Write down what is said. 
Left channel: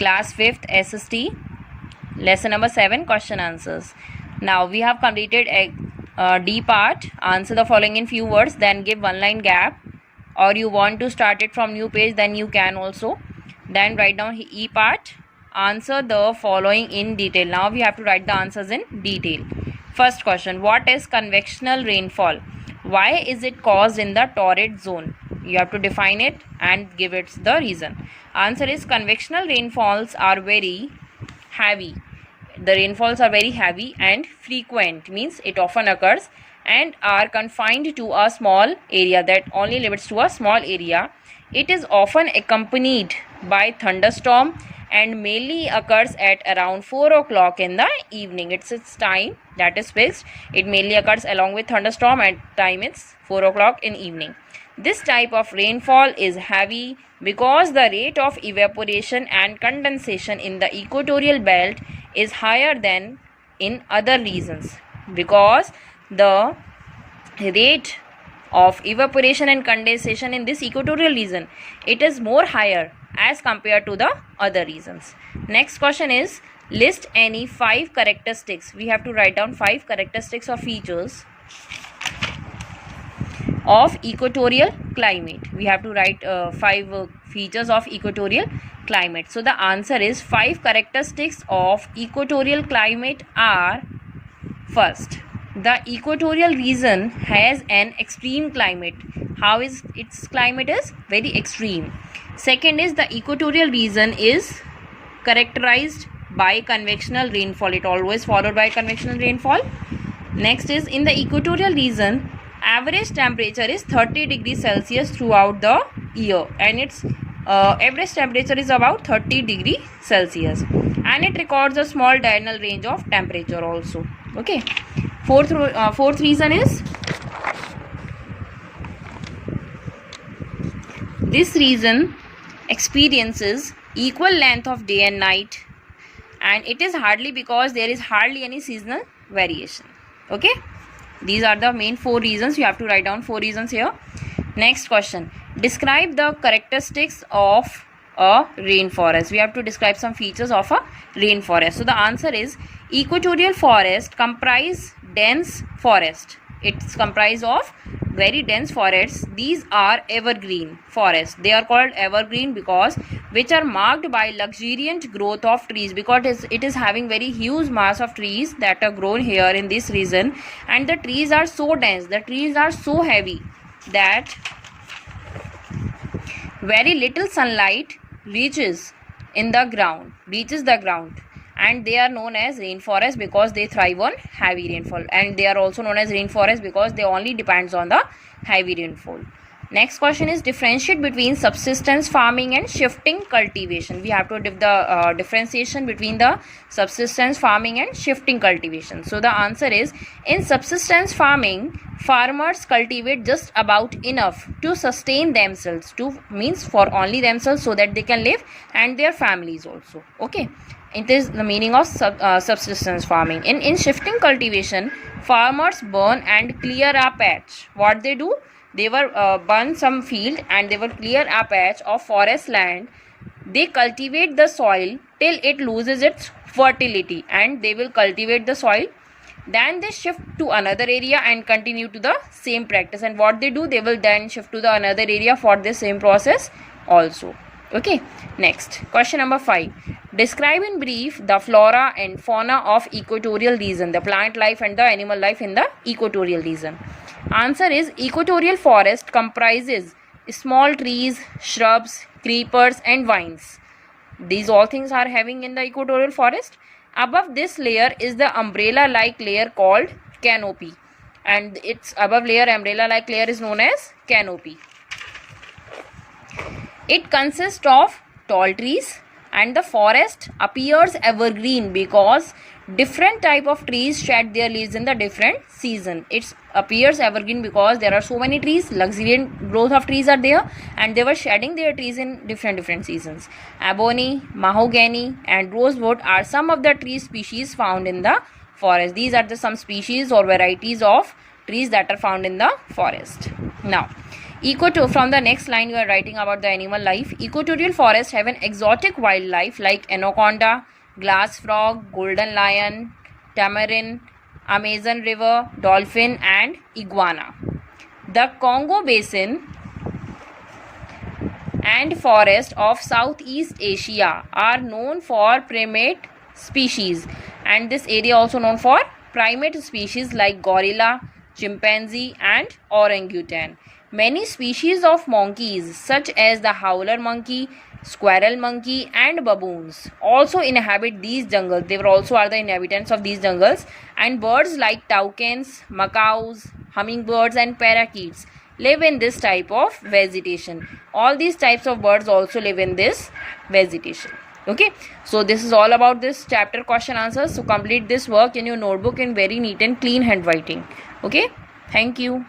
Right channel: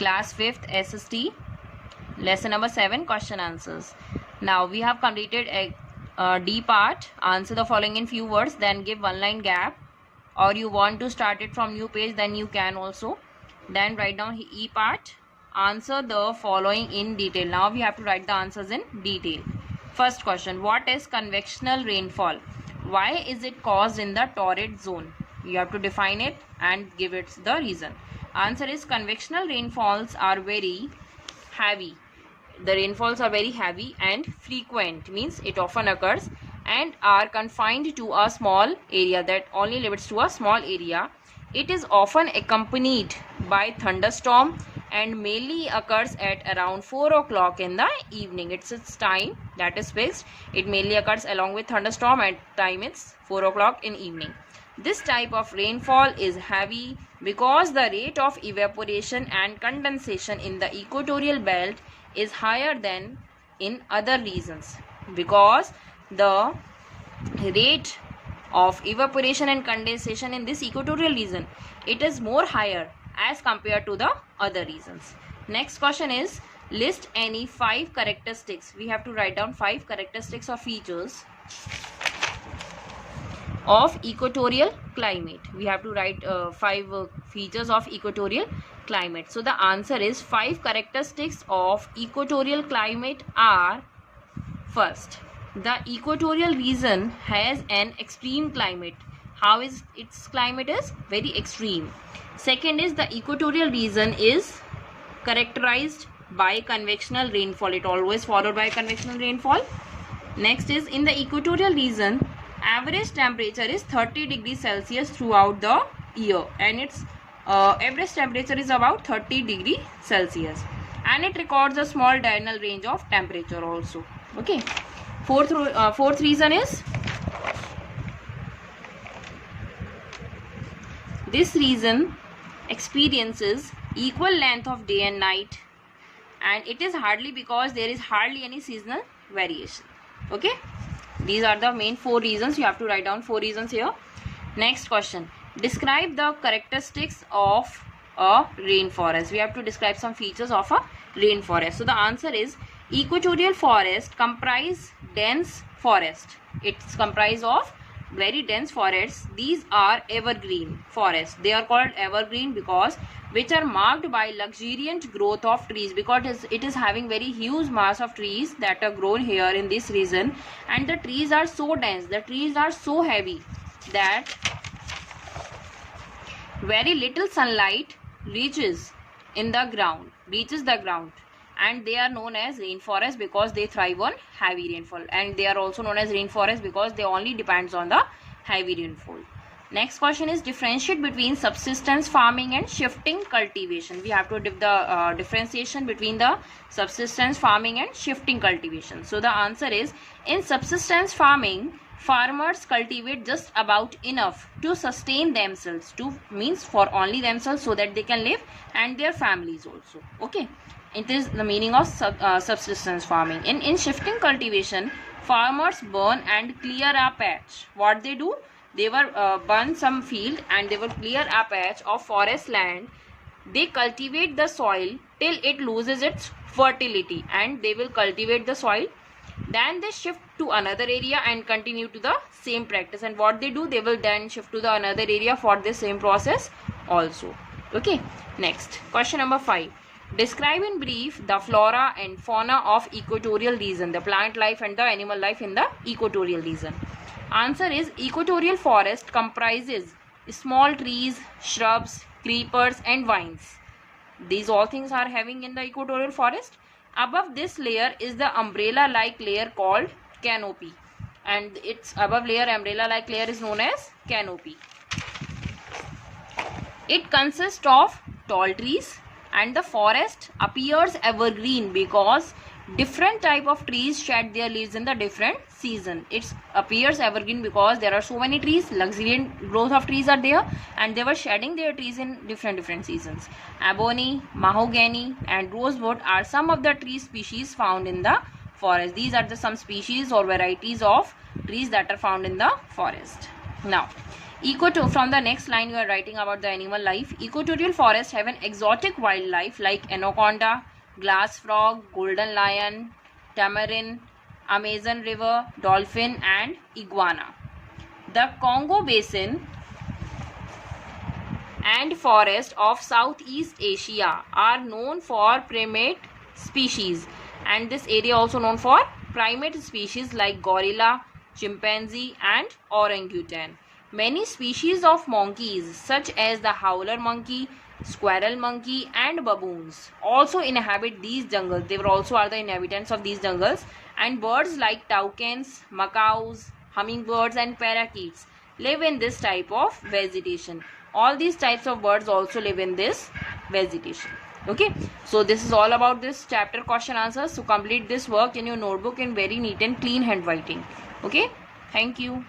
Class 5th SST, lesson number 7, question answers. Now we have completed D part. Answer the following in few words, then give one line gap, or you want to start it from new page, then you can also. Then write down E part. Answer the following in detail. Now we have to write the answers in detail. First question, what is convectional rainfall? Why is it caused in the torrid zone? You have to define it and give it the reason. Answer is convectional rainfalls are very heavy. The rainfalls are very heavy and frequent, means it often occurs and are confined to a small area, that only limits to a small area. It is often accompanied by thunderstorm and mainly occurs at around 4 o'clock in the evening. It's its time that is fixed. It mainly occurs along with thunderstorm, and time it's 4 o'clock in evening. This type of rainfall is heavy because the rate of evaporation and condensation in the equatorial belt is higher than in other regions. Because the rate of evaporation and condensation in this equatorial region, it is more higher as compared to the other regions. Next question is, list any 5 characteristics. We have to write down 5 characteristics or features of equatorial climate. We have to write 5 features of equatorial climate. So the answer is 5 characteristics of equatorial climate are: first, the equatorial region has an extreme climate. How is its climate? Is very extreme. Second is, the equatorial region is characterized by convectional rainfall. It always followed by convectional rainfall. Next is, in the equatorial region, average temperature is 30 degrees Celsius throughout the year, and its average temperature is about 30 degrees Celsius, and it records a small diurnal range of temperature also. Okay. Fourth reason is, this region experiences equal length of day and night, and it is hardly because there is hardly any seasonal variation. Okay, these are the main 4 reasons. You have to write down 4 reasons here. Next question, describe the characteristics of a rainforest. We have to describe some features of a rainforest. So the answer is, equatorial forest comprise dense forest. It's comprised of very dense forests. These are evergreen forests. They are called evergreen because which are marked by luxuriant growth of trees, because it is having very huge mass of trees that are grown here in this region, and the trees are so dense, the trees are so heavy that very little sunlight reaches the ground, and they are known as rainforest because they thrive on heavy rainfall, and they are also known as rainforest because they only depends on the heavy rainfall. Next question is, differentiate between subsistence farming and shifting cultivation. We have to give the differentiation between the subsistence farming and shifting cultivation. So the answer is, in subsistence farming, farmers cultivate just about enough to sustain themselves, means for only themselves, so that they can live and their families also. Okay, it is the meaning of subsistence farming. In shifting cultivation, farmers burn and clear a patch. What they do, they will burn some field and they will clear a patch of forest land. They cultivate the soil till it loses its fertility, and they will cultivate the soil. Then they shift to another area and continue to the same practice. And what they do, they will then shift to the another area for the same process also. Okay. Next, question number 5. Describe in brief the flora and fauna of equatorial region, the plant life and the animal life in the equatorial region. Answer is, equatorial forest comprises small trees, shrubs, creepers and vines. These all things are having in the equatorial forest. Above this layer is the umbrella-like layer called canopy, and its above layer, umbrella-like layer, is known as canopy. It consists of tall trees, and the forest appears evergreen because different type of trees shed their leaves in the different season. It appears evergreen because there are so many trees, luxuriant growth of trees are there, and they were shedding their trees in different seasons. Ebony, mahogany and rosewood are some of the tree species found in the forest. These are some species or varieties of trees that are found in the forest. Now, From the next line, you are writing about the animal life. Equatorial forests have an exotic wildlife like anaconda, glass frog, golden lion, tamarin, Amazon river, dolphin, and iguana. The Congo Basin and forest of Southeast Asia are known for primate species, and this area also known for primate species like gorilla, chimpanzee, and orangutan. Many species of monkeys such as the howler monkey, squirrel monkey, and baboons also inhabit these jungles. They also are the inhabitants of these jungles. And birds like toucans, macaws, hummingbirds, and parakeets live in this type of vegetation. All these types of birds also live in this vegetation. Okay, so this is all about this chapter question answers. So complete this work in your notebook in very neat and clean handwriting. Okay, thank you.